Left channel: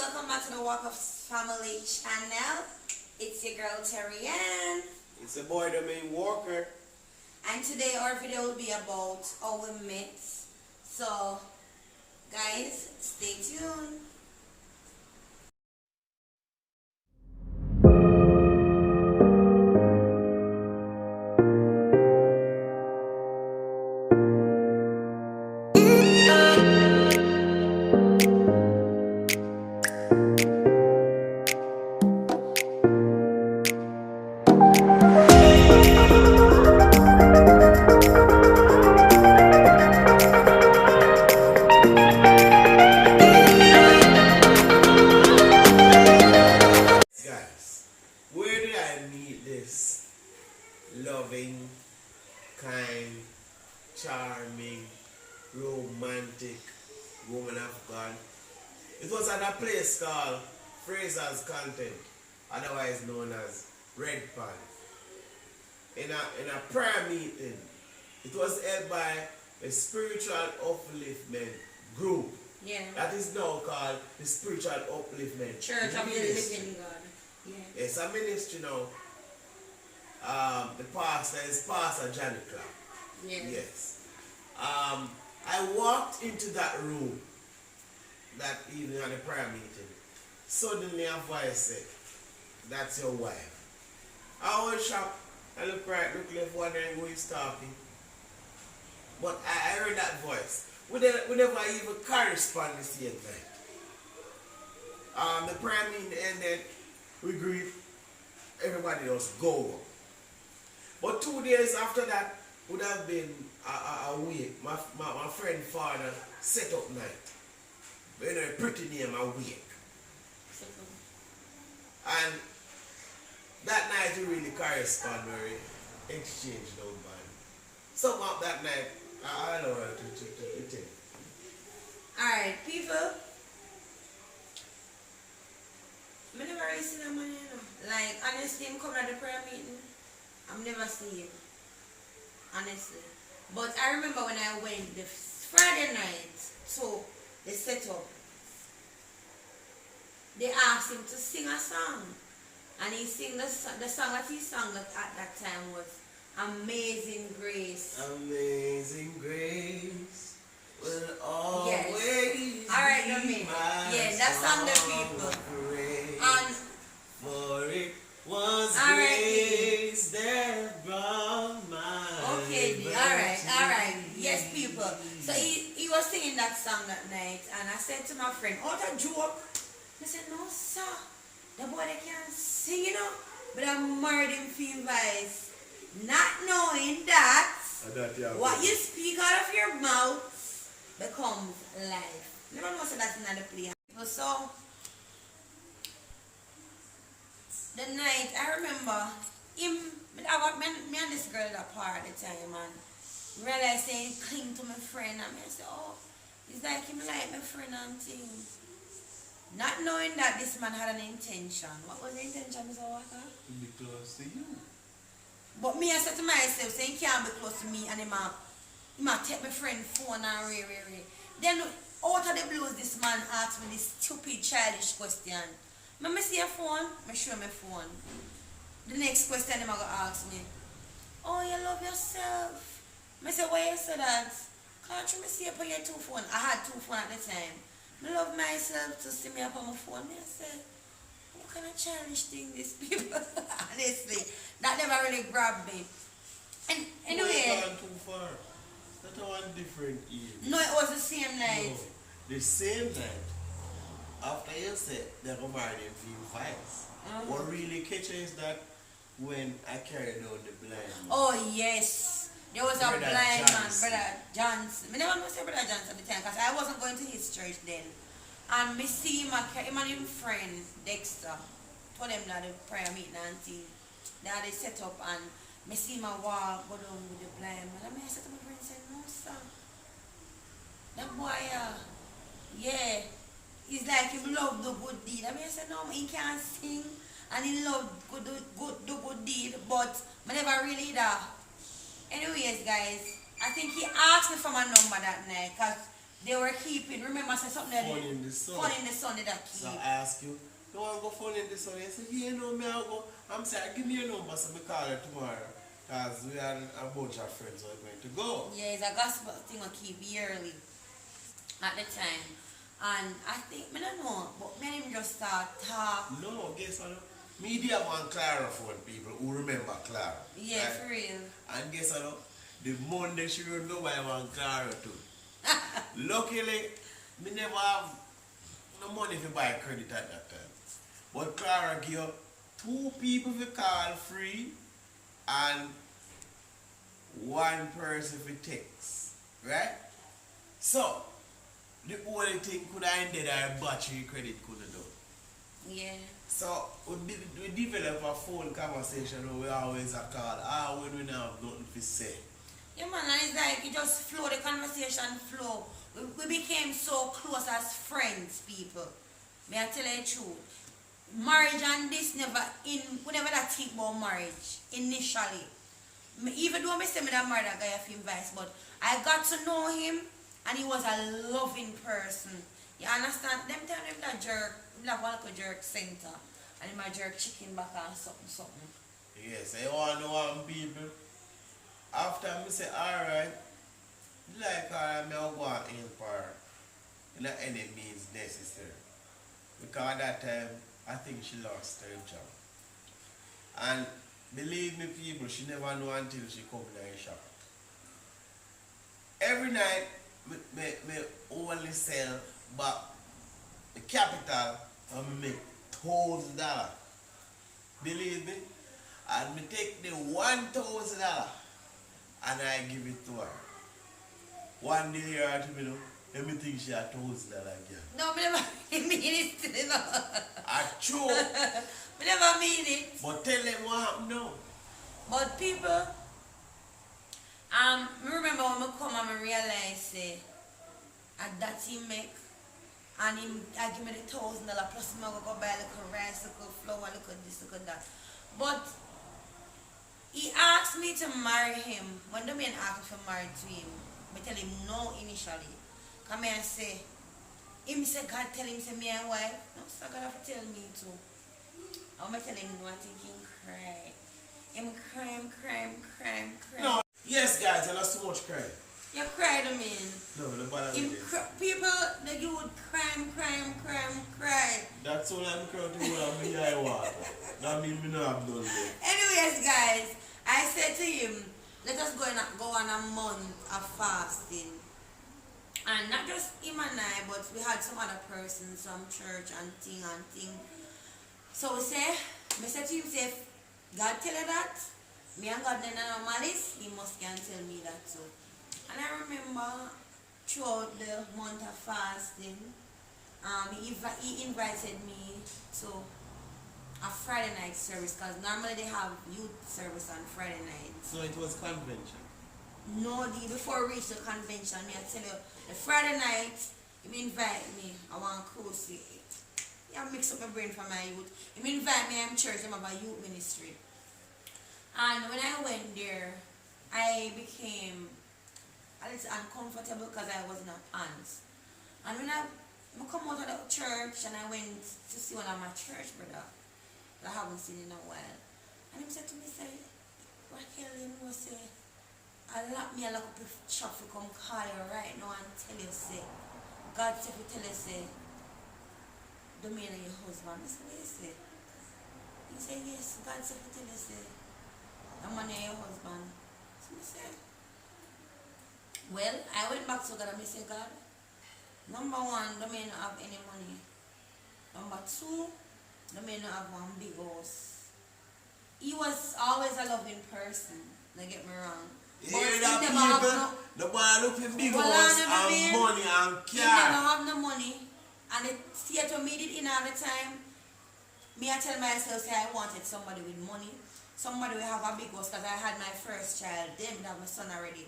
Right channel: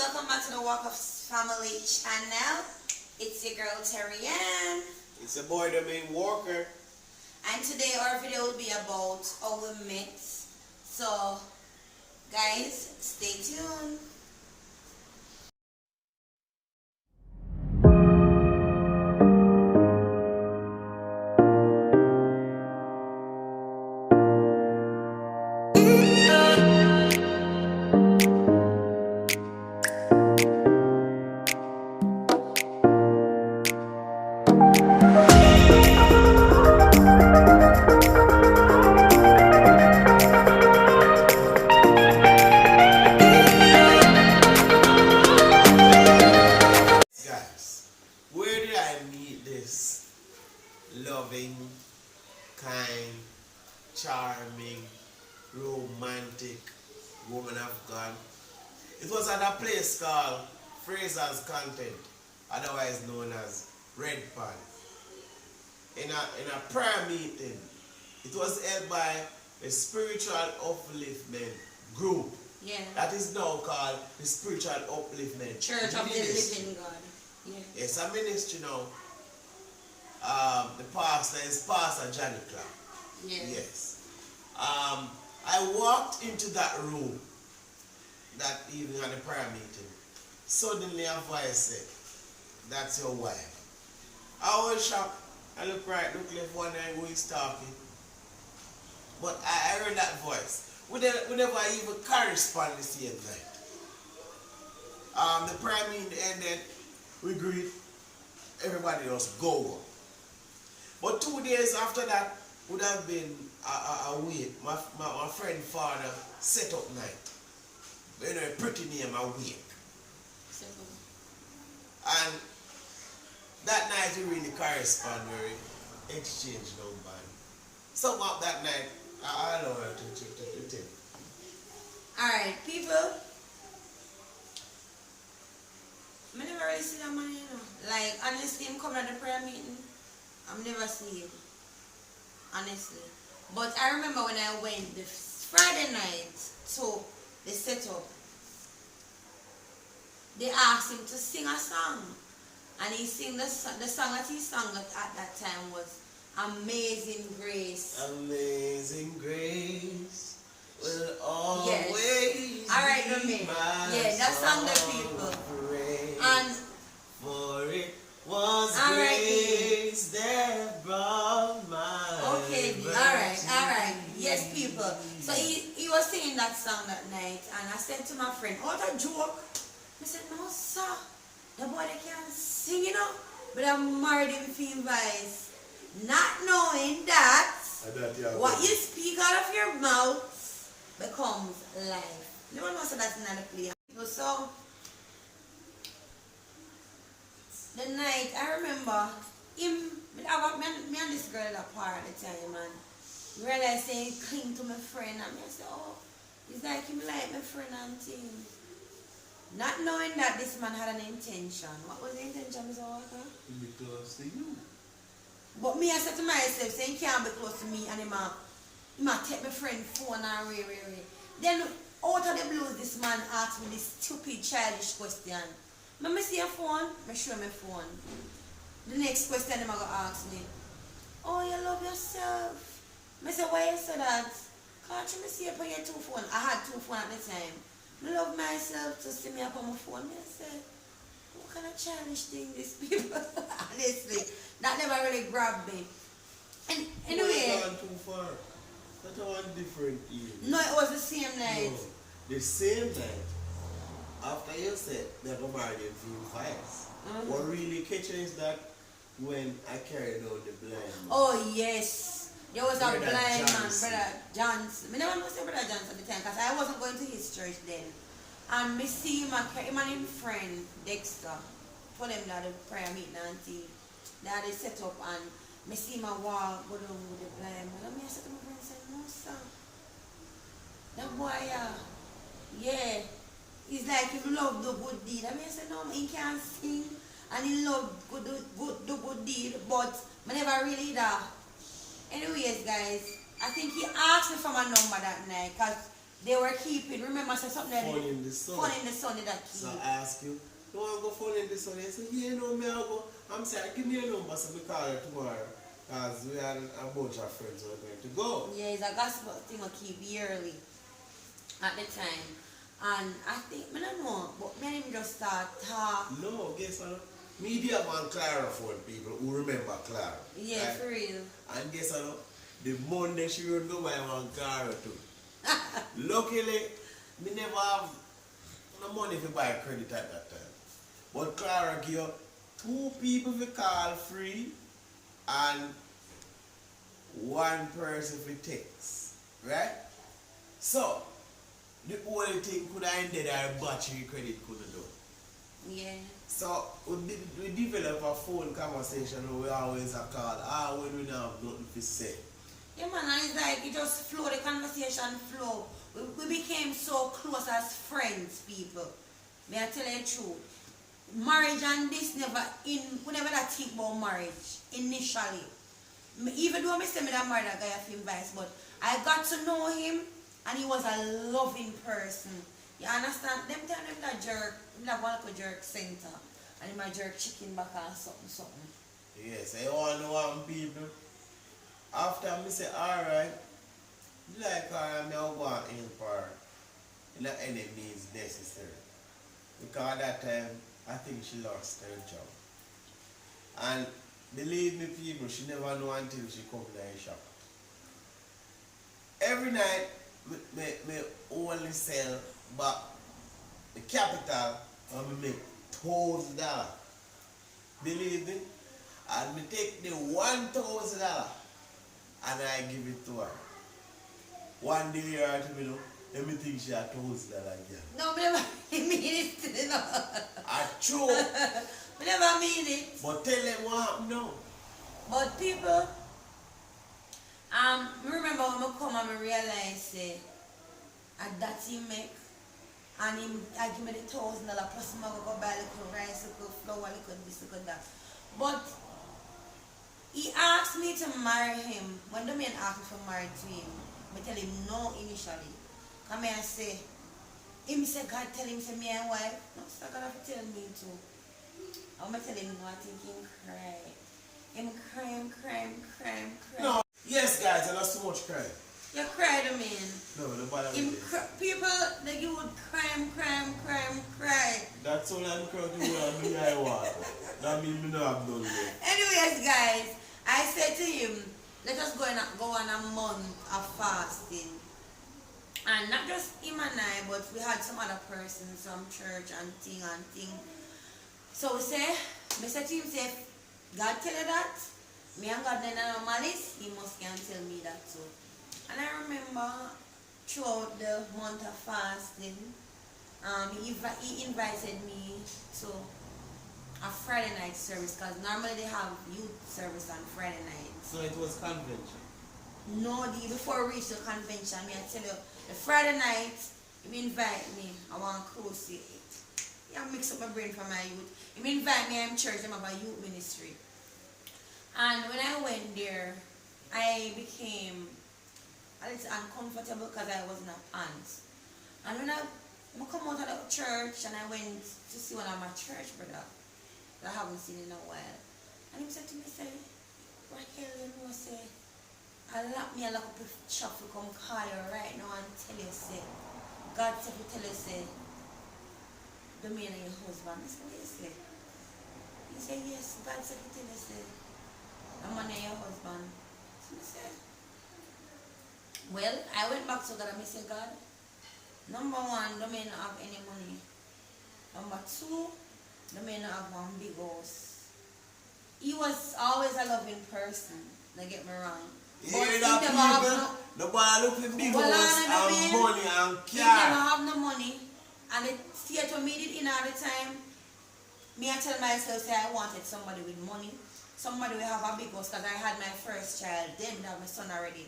welcome back to the Walk of Family channel. It's your girl Terry Ann. It's a boy, the main Walker. And today our video will be about how we met. So, guys, stay tuned. Loving, kind, charming, romantic woman of God. It was at a place called Fraser's Content, otherwise known as Red Pan. In a prayer meeting, it was held by a spiritual upliftment group. Yeah. That is now called the Spiritual Upliftment Church of the Living God. Yeah. It's a ministry now. The pastor is Pastor Johnny Clark. Yeah. Yes. I walked into that room that evening at the prayer meeting. Suddenly a voice said, "That's your wife." I was shocked. I look right, look left, wonder who is talking. But I heard that voice. We never even correspond the same night. The prayer meeting ended, we greet, everybody else go. But 2 days after that would have been a week. My friend father set up night. You know, a pretty name, a week. And that night we really correspond, we exchange number. Something up that night, I don't know to tell. Alright, people. I never really see that man, you know. Like, honestly, I'm coming at the prayer meeting. I've never seen it, honestly. But I remember when I went the Friday night to the setup, they asked him to sing a song. And he sang the song that he sang at that time was Amazing Grace. Amazing Grace will always yes. Alright, no me. Yeah, that song the people. And for it was grace that brought my okay, alright. Yes, people. So he was singing that song that night, and I said to my friend, "Oh, that joke." I said, "No, sir. The boy they can't sing, you know." But I married him feel voice, not knowing that what you speak out of your mouth becomes life. No one knows that's not a play. So the night, I remember him, me and this girl apart at the time, and realized saying cling to my friend, and I said, "Oh, it's like him like my friend and thing." Not knowing that this man had an intention. What was the intention, Mr. Walker? To be close to you. But me, I said to myself, saying he can't be close to me, and he might take my friend phone and ray. Then out of the blues, this man asked me this stupid childish question. Let me see your phone. I show my phone. The next question I'm going to ask me, "Oh, you love yourself?" I said, "Why you say that?" "Can't you see up on your two phone?" I had two phones at the time. I love myself to see me up on my phone. I said, what kind of childish thing these people? Honestly, that never really grabbed me. And anyway, too far. That's one different year. No, it was the same night. No, the same night. After you said they were married in few fights. What really catches is that when I carried out the blind man. Oh yes. There was Brother a blind Johnson. man, Brother Johnson. I never know say Brother Johnson at the time because I wasn't going to his church then. And me see him and him friend Dexter. Told him that the prayer meeting and thing. That they set up and me see him walk go down with the blind man. And I said to my friend, say, "No sir. That boy yeah. It's like he love the good deed." I said, "No, he can't sing and he love the good deed, but I never really that." Anyways, guys, I think he asked me for my number that night because they were keeping, remember I said something that Fun in the sun. Fun in the sun did that keep. So I ask you, you want to go fun in the sun? You say, yeah, no, me I go. I'm saying, give me your number so we call her tomorrow. Because we had a bunch of friends who are going to go. Yeah, it's a gospel thing I keep yearly at the time. And I think, I don't know, but me and him just start talk. No, guess what? Me dear one Clara phone people who remember Clara. Yeah, right? for real. And guess what? The Monday she would go buy one Clara too. Luckily, me never have no money to buy credit at that time. But Clara give 2 people to call free and 1 person for text. Right? So, the only thing could have ended our battery credit couldn't do. Yeah. So we develop a phone conversation where we always a call, when we don't have nothing to say. Yeah man, and it's like it just flow, the conversation flow. We became so close as friends, people. May I tell you the truth? Marriage and this never we never that think about marriage initially. Even though I say I married a guy a few advice, but I got to know him and he was a loving person. You understand? Them time him that jerk, him that one like a jerk center. And he might jerk chicken back or something. Yes, I want to know one people. After I say, alright, like I may go in for not any means necessary. Because at that time, I think she lost her job. And believe me people, she never know until she come to the shop. Every night, me only sell back the capital and me make $1,000. Believe me, and me take the $1,000 and I give it to her. One day her to me know, let me think she had $1,000 again. No, I never mean it. No. I true. I never mean it. But tell them what happened now. But people, me remember when I come and I realize that he make, and him I give me the $1,000 plus I go buy a little rice, a little flour, a little this, a little that. But he asked me to marry him. When the man asked me to marry to him, I tell him no initially. Come here and say, him say God tell him say me and wife. No, so God have to tell me too. I'm tell him no, I think him cry. Him cry. No, yes guys, and that's too much crying. You cry to me. No, the bother Him with it. people that you would cry. That's all I'm crying to when me I want. That means me not have done that. Anyways, guys, I said to him, let us go on a month of fasting. And not just him and I, but we had some other persons, some church and thing. So we said to him, say, God tell you that, me and God don't know malice, he must can tell me that too. And I remember throughout the month of fasting, he invited me to a Friday night service, because normally they have youth service on Friday night. So it was convention. No, before we reach the convention, me I tell you, the Friday night, he invite me, I want close it. Yeah, mix up my brain for my youth. He invite me, I'm church, I'm about youth ministry. And when I went there, I became a little uncomfortable because I was in a pants. And when I come out of the church and I went to see one of my church brother that I haven't seen in a while. And he said to me, say, Raquel, you know, say, I lock me a lock up the shop to come call you right now and tell you, say, God said to tell you, say, the man of your husband. I said, what you say? He said, yes, God said to tell you, say, the man of your husband. So I said, well, I went back to God and I said, God, number one, the man not have any money. Number two, the man not have one big house. He was always a loving person, don't get me wrong. You hear that people? The boy look for big house and money and car. He never have no money. And the theater me did in all the time. Me I tell myself say I wanted somebody with money. Somebody will have a big house, because I had my first child. Then I have my son already.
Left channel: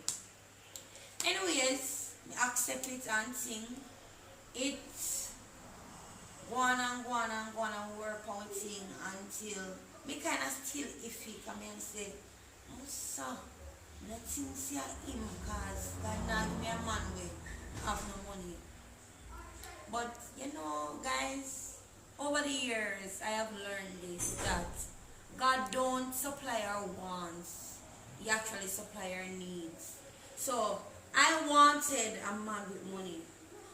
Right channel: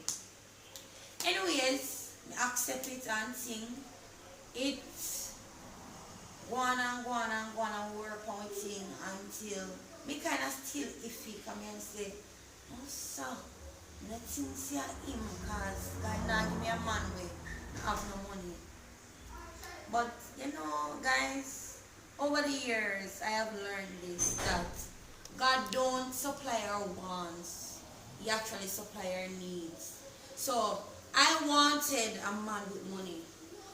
Anyways, I accept it and sing. It's go on and work on thing until me kind of still iffy come and say, oh sir, nothing see him because God not give me a man with have no money. But you know, guys, over the years I have learned this that God don't supply our wants. He actually supply our needs. So I wanted a man with money,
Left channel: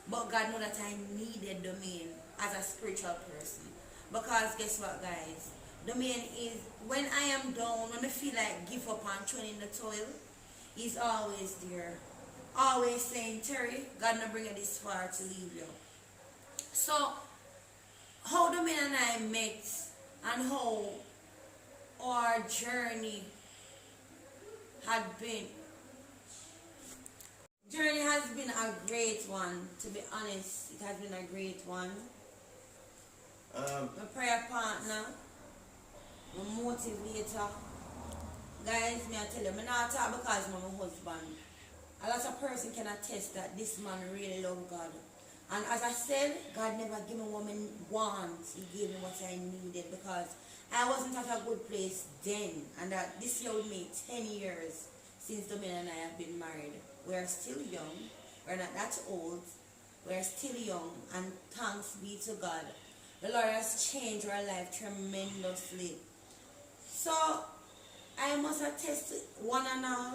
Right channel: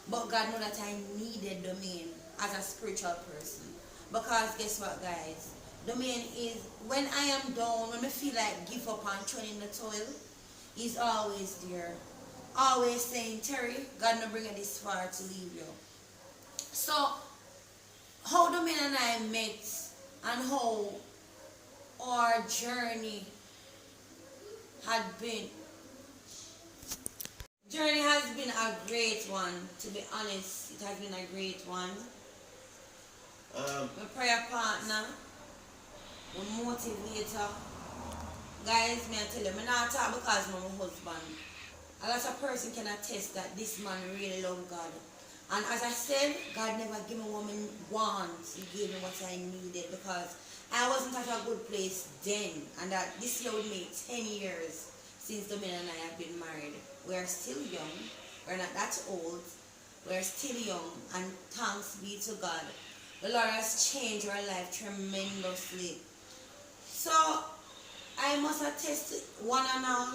but God know that I needed Domain as a spiritual person. Because guess what, guys? Domain is when I am down, when I feel like give up and turn in the toil, he's always there. Always saying, Terry, God not bring you this far to leave you. So how Domain and I met and how our journey had been. Journey has been a great one, to be honest. It has been a great one. My prayer partner, my motivator. Guys, me I tell you, I'm not talk because I'm my husband. A lot of person can attest that this man really love God. And as I said, God never gave me what I want. He gave me what I needed because I wasn't at a good place then. And that this year would make 10 years since Domain and I have been married. We are still young. We're not that old. We're still young. And thanks be to God. The Lord has changed our life tremendously. So, I must attest one and all.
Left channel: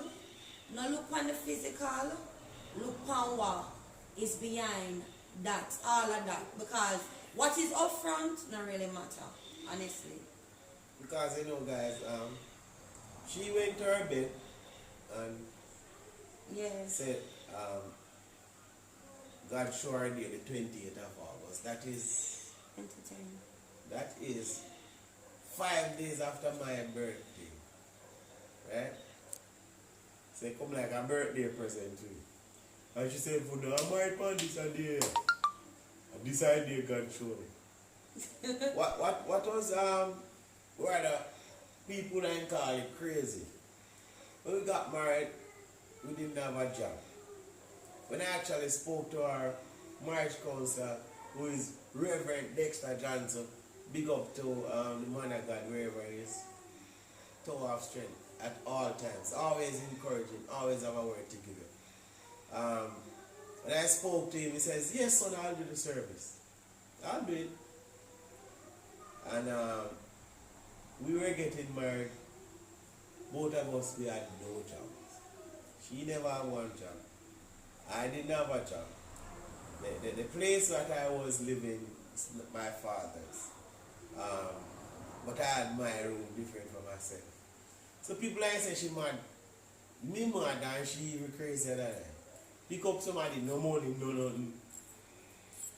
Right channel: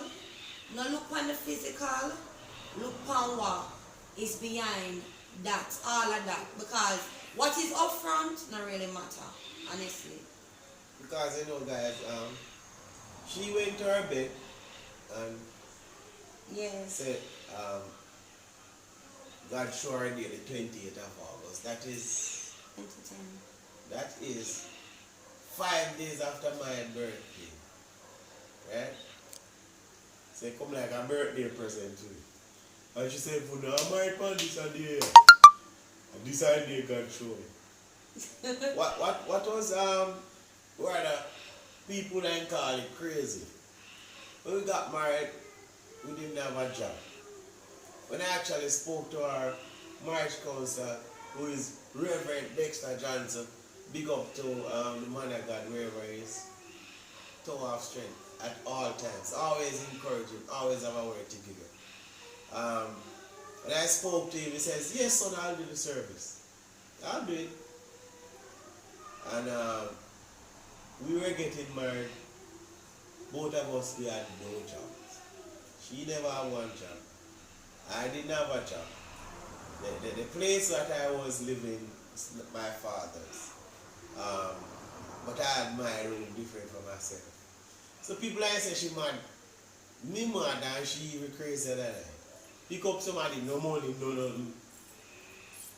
No look on the physical. Look on what is behind that. All of that. Because what is up front not really matter. Honestly. Because you know, guys, she went to her bed and Yes. said, God showed her the 28th of August. Entertain. That is 5 days after my birthday. Right? So it come like a birthday present to me. And she said, for now, I'm married on this and day. And this and day God showed me. what was where the people then call it crazy. When we got married, we didn't have a job. When I actually spoke to our marriage counselor, who is Reverend Dexter Johnson, big up to the man of God wherever he is, tower of strength at all times, always encouraging, always have a word to give you. When I spoke to him, he says, yes son, I'll do the service. I'll do it. And we were getting married. Both of us, we had no jobs. She never had one job. I didn't have a job. The place that I was living is my father's. But I had my room different from myself. So people like say she mad. Me mad and she even crazier than I. Pick up somebody, no money, no nothing.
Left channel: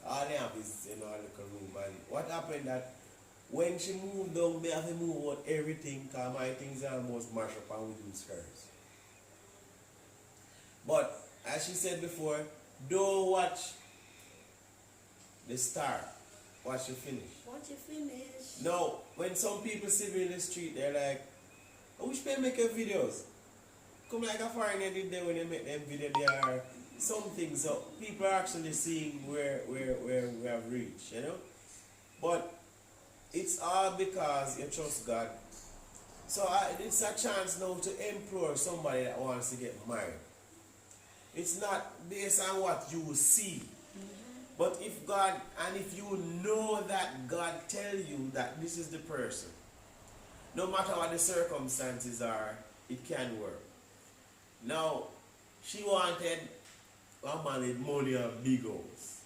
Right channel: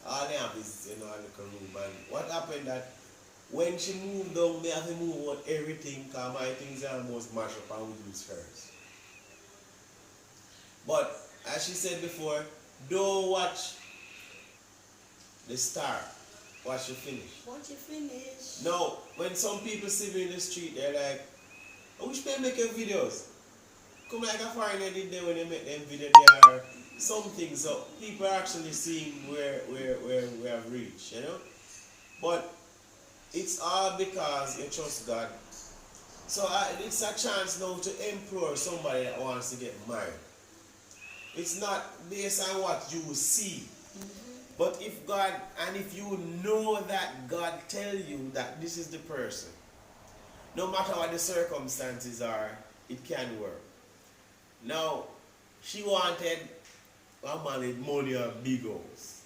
All they have is, a little room. And what happened that when she moved down, me have to move out everything because my things are almost mashed up and we use hers. But as she said before, don't watch the star. Watch you finish. Watch you finish. Now, when some people see me in the street, they're like, I wish they make videos. Come like a foreigner did there when they make them videos. There are some things. So people are actually seeing where we have reached, But it's all because you trust God. So it's a chance now to implore somebody that wants to get married. It's not based on what you see. But if God, and if you know that God tell you that this is the person, no matter what the circumstances are, it can work. Now, she wanted a man with money and big house.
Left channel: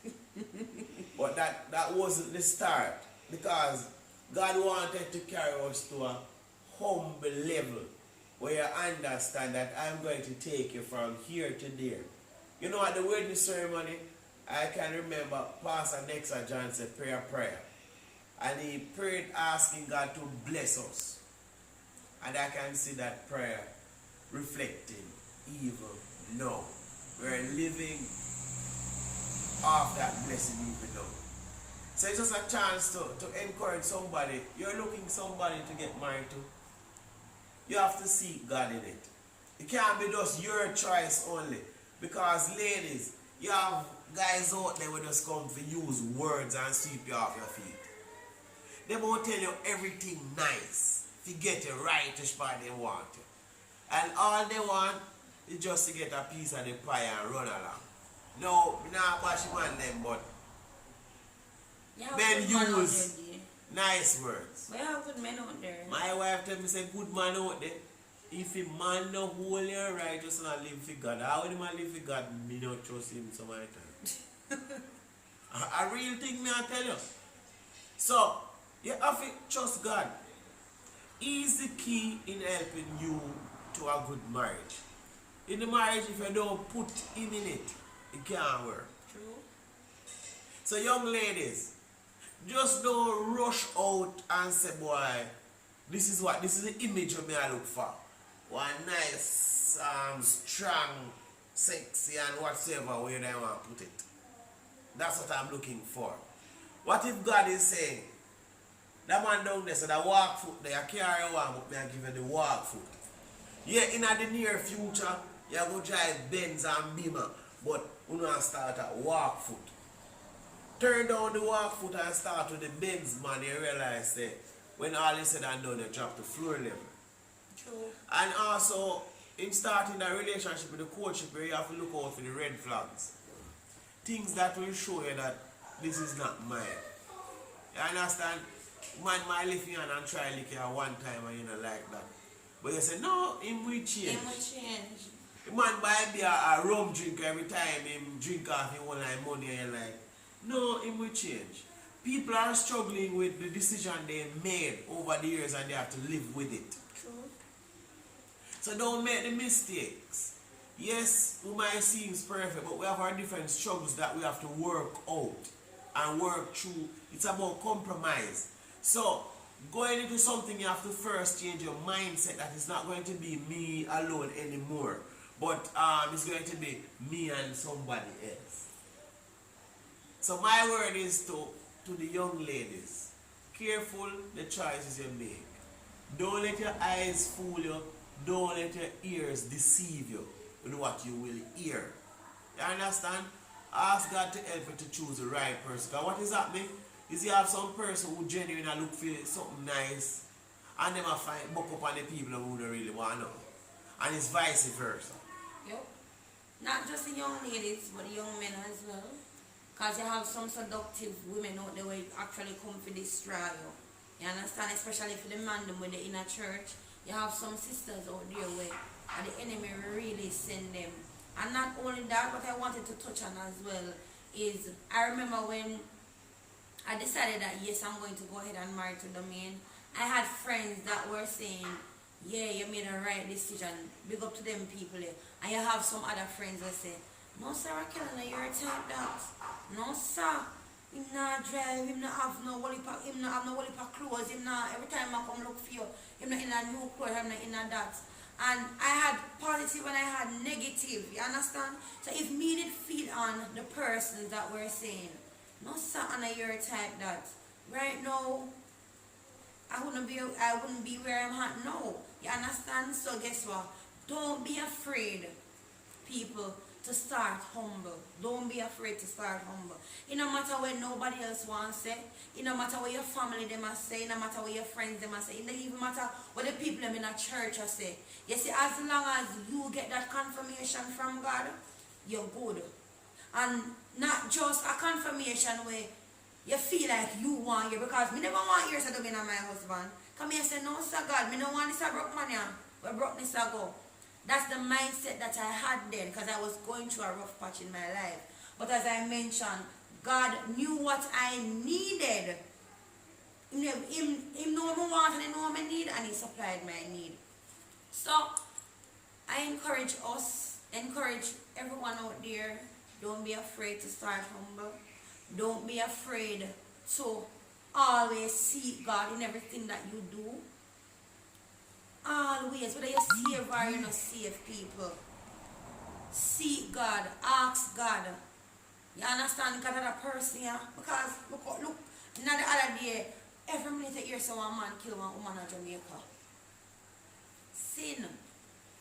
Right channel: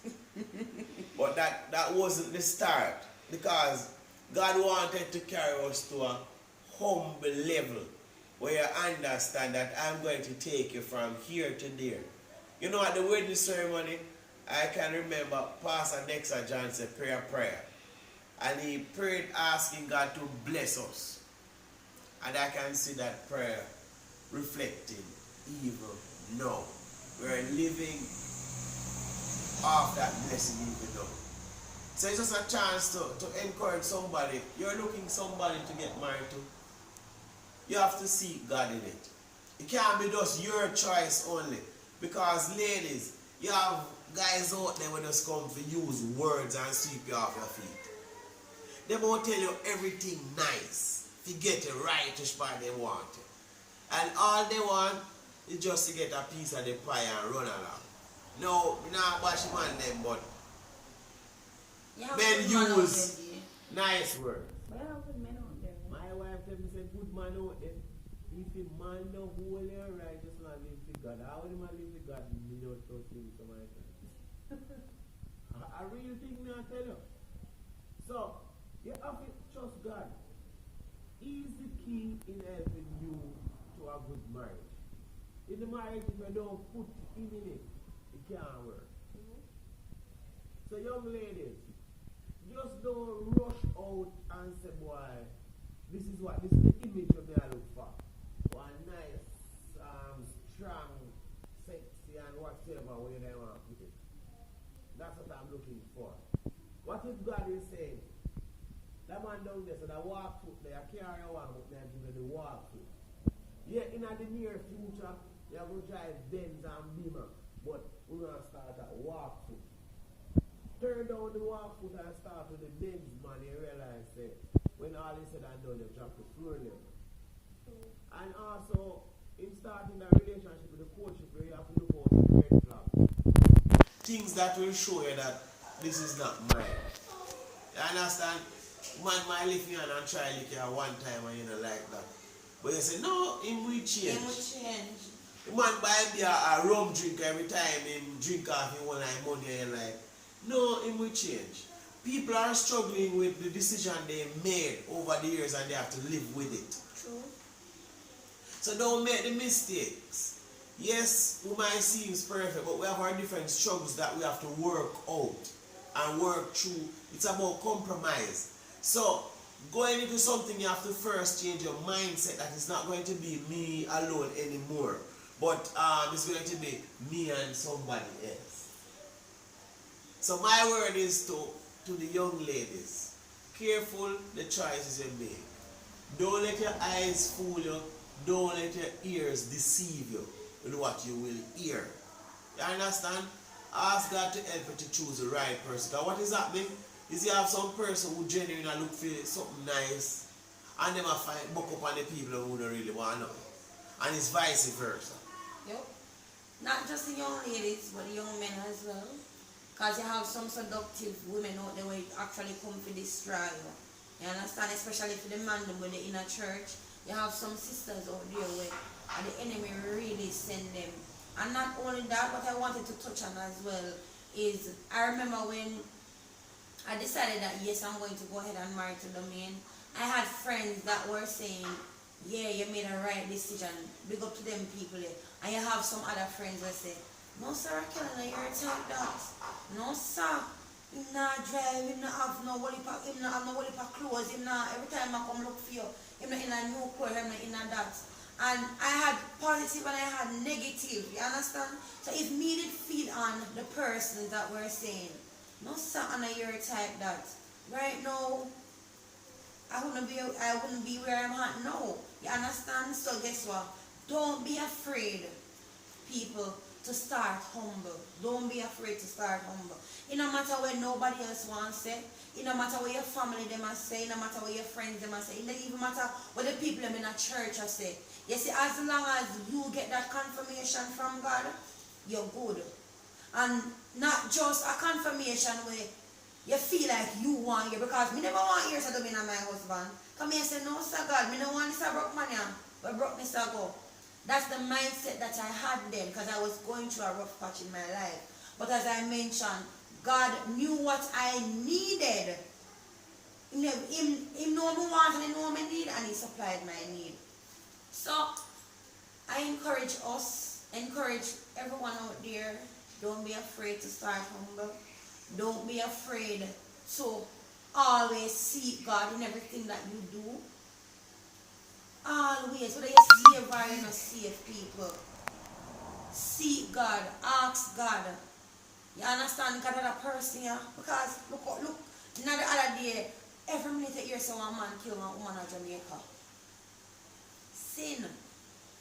But that wasn't the start. Because God wanted to carry us to a humble level where you understand that I'm going to take you from here to there. You know, at the wedding ceremony, I can remember Pastor Dexter Johnson prayer. And he prayed asking God to bless us. And I can see that prayer reflecting even now. We're living off that blessing even now. So it's just a chance to encourage somebody. You're looking somebody to get married to. You have to seek God in it. It can't be just your choice only. Because ladies, you have guys out there who just come to use words and sweep you off your feet. They won't tell you everything nice to get you right to spot they want you. And all they want is just to get a piece of the pie and run along. No, me not bash man them, but You have men good man out use there, dear. nice words. We have good men out there. My wife tell me say good man out there. If a man no holy and righteous and live for God, how would man live for God? Me not trust him so many times. A real thing me I tell you. So you have to trust God. He is the key in helping you to a good marriage. In the marriage, if you don't put him in it, it can't work. True. So young ladies, just don't rush out and say, boy, this is the image of me I look for. One nice, strong, sexy and whatsoever way they want to put it. That's what I'm looking for. What if God is saying, that man down there said, I walk foot there, I carry one, but me I give you the walk foot. Yeah, in the near future, you're going to drive Benz and Beamer, but you know start at walk foot. Turn down the walk foot and start with the Benz, man, you realize that when all is said and done, you drop to floor level. True. And also, in starting a relationship with the courtship, you have to look out for the red flags. Things that will show you that this is not mine. You understand? Man might lift you and try lick you at one time and you don't like that. But you say, no, him will change. Him will change. The man buy me a rum drink every time him drink off him one like money and you're like, no, him will change. People are struggling with the decision they made over the years and they have to live with it. True. So don't make the mistakes. Yes, we might seem perfect, but we have our different struggles that we have to work out and work through. It's about compromise. So, going into something, you have to first change your mindset that it's not going to be me alone anymore, but it's going to be me and somebody else. So my word is to the young ladies, careful the choices you make. Don't let your eyes fool you. Don't let your ears deceive you with what you will hear. You understand? Ask God to help you to choose the right person. Because what is happening is you have some person who genuinely look for something nice and them find buck up on the people who don't really want to know. And it's vice versa. Yep. Not just the young ladies, but the young men as well. Because you have some seductive women out there who actually come for destroy you. You understand? Especially for the man them with the inner church. You have some sisters out there where the enemy really send them. And not only that, what I wanted to touch on as well is, I remember when I decided that yes, I'm going to go ahead and marry to Domain. I had friends that were saying, yeah, you made a right decision. Big up to them people there. And you have some other friends that say, no sir, Raquel, you're a type that. No sir. Him not drive, him not have no wally pack, him not have no wally pack clothes, him not, every time I come look for you, him not in a new clothes, him not in a that. And I had positive and I had negative, you understand? So if me did feel on the persons that were saying, no sir, Anna, you're a type that. Right now, I wouldn't be where I'm at now. You understand? So guess what? Don't be afraid, people, to start humble. Don't be afraid to start humble. It no matter what nobody else wants to say. It no matter what your family them must say. It no matter what your friends them must say. It doesn't even matter what the people them in a church are say. You see, as long as you get that confirmation from God, you're good. And not just a confirmation where you feel like you want you, because me never want yours to be my husband. Come here and say, no sir God, me no want this a broke money, where brokenness I go. That's the mindset that I had then, because I was going through a rough patch in my life. But as I mentioned, God knew what I needed. Him know me want and he know me need, and he supplied my need. So I encourage us, encourage everyone out there, don't be afraid to start humble. Don't be afraid to always seek God in everything that you do. Always, whether you're saved or you're not saved, people, seek God, ask God. You understand? God had a person here. Because look, now the other day, every minute you hear someone man kill one woman in Jamaica. Sin,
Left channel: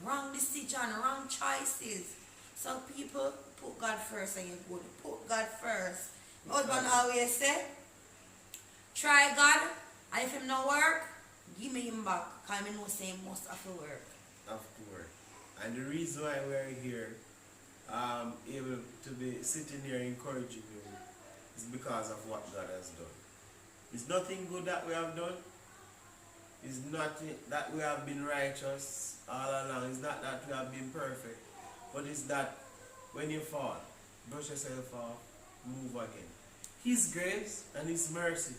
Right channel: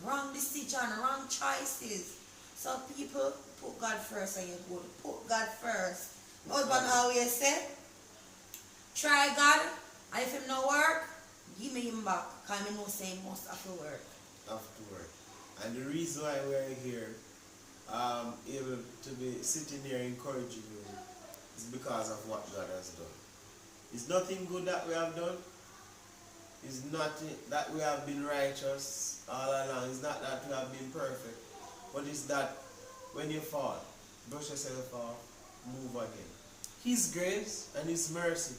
wrong decision, wrong choices. So people, put God first and you're good. Put God first. My husband always say, try God, and if him no work, give me him back. Because I know say he must have to work. Have to work. And the reason why we are here able to be sitting here encouraging you is because of what God has done. It's nothing good that we have done. It's not that we have been righteous all along. It's not that we have been perfect. But it's that when you fall, brush yourself off, move again. His grace and His mercy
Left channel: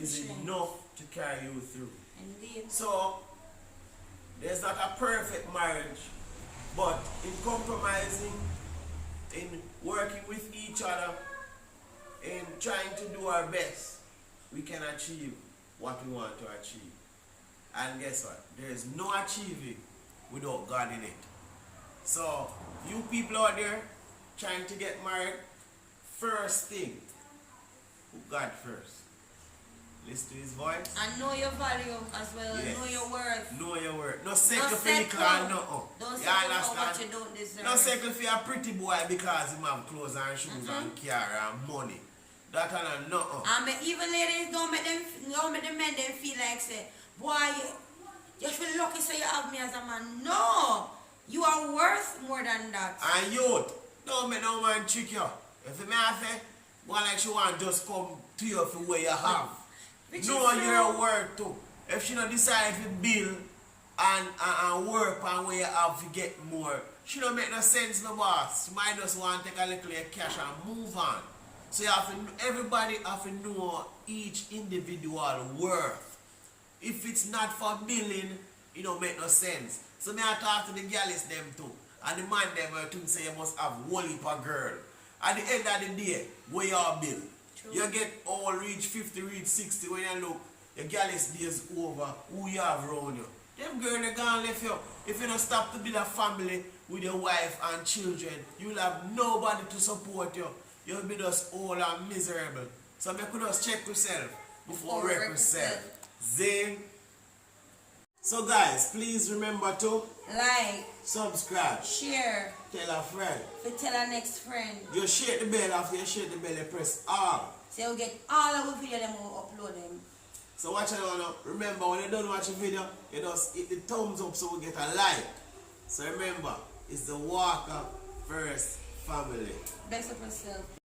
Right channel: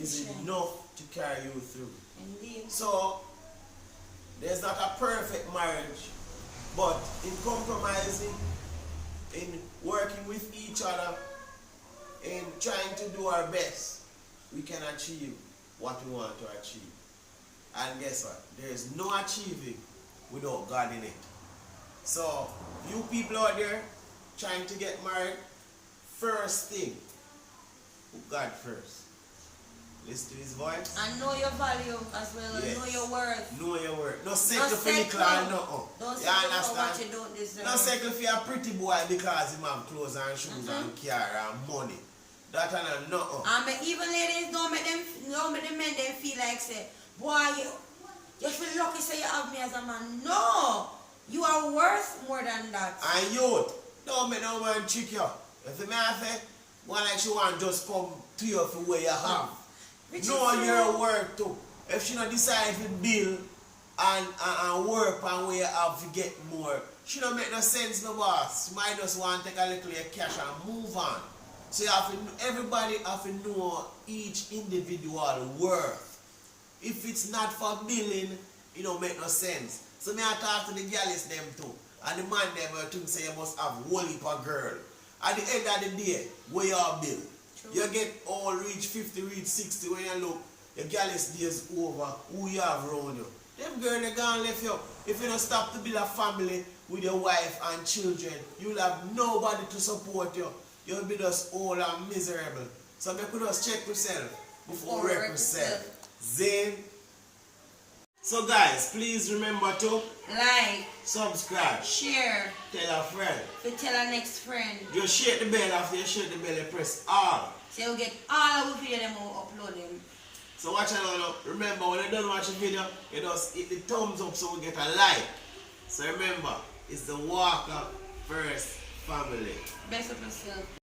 is enough to carry you through. Indeed. So, there's not a perfect marriage, but in compromising, in working with each other, in trying to do our best, we can achieve what we want to achieve. And guess what? There is no achieving without God in it. So, you people out there trying to get married, first thing, put God first. Listen to His voice. And know your value as well. Yes. Know your worth. Know your worth. No settle for settle. little and nothing. Don't You settle for understand? what you don't deserve. No settle for a pretty boy because he have clothes and shoes and car and money. That and nothing. And even ladies, don't make the men them feel like say, boy, you feel lucky so you have me as a man. No! You are worth more than that. And youth, don't make no man trick you. If the man say, one like she want just come to you for what you have. Which No, is you're true. worth too. If she don't decide to build and work and where you have to get more, she don't make no sense, no boss. She might just want to take a little of your cash and move on. So you have to, everybody have to know each individual worth. If it's not for billing, it don't make no sense. So me I talk to the girls them too. And the man them will think say you must have one heap of girl. At the end of the day, where you are bill? True. You get all reach 50, reach 60 when you look, your girls days over, who you have around you. Them girls they gonna left you. If you don't stop to build a family with your wife and children, you'll have nobody to support you. You'll be just old and miserable. So you could just check yourself before wreck yourself. Zane. So guys, please remember to Like, subscribe, share, tell a friend. to tell our next friend. You shake the bell after you shake the bell, you press all. So you get all our video them will upload them. So watch it now. Remember when you done watch the video, you just hit the thumbs up so we get a like. So remember, it's the Walker First Family. Best of yourself.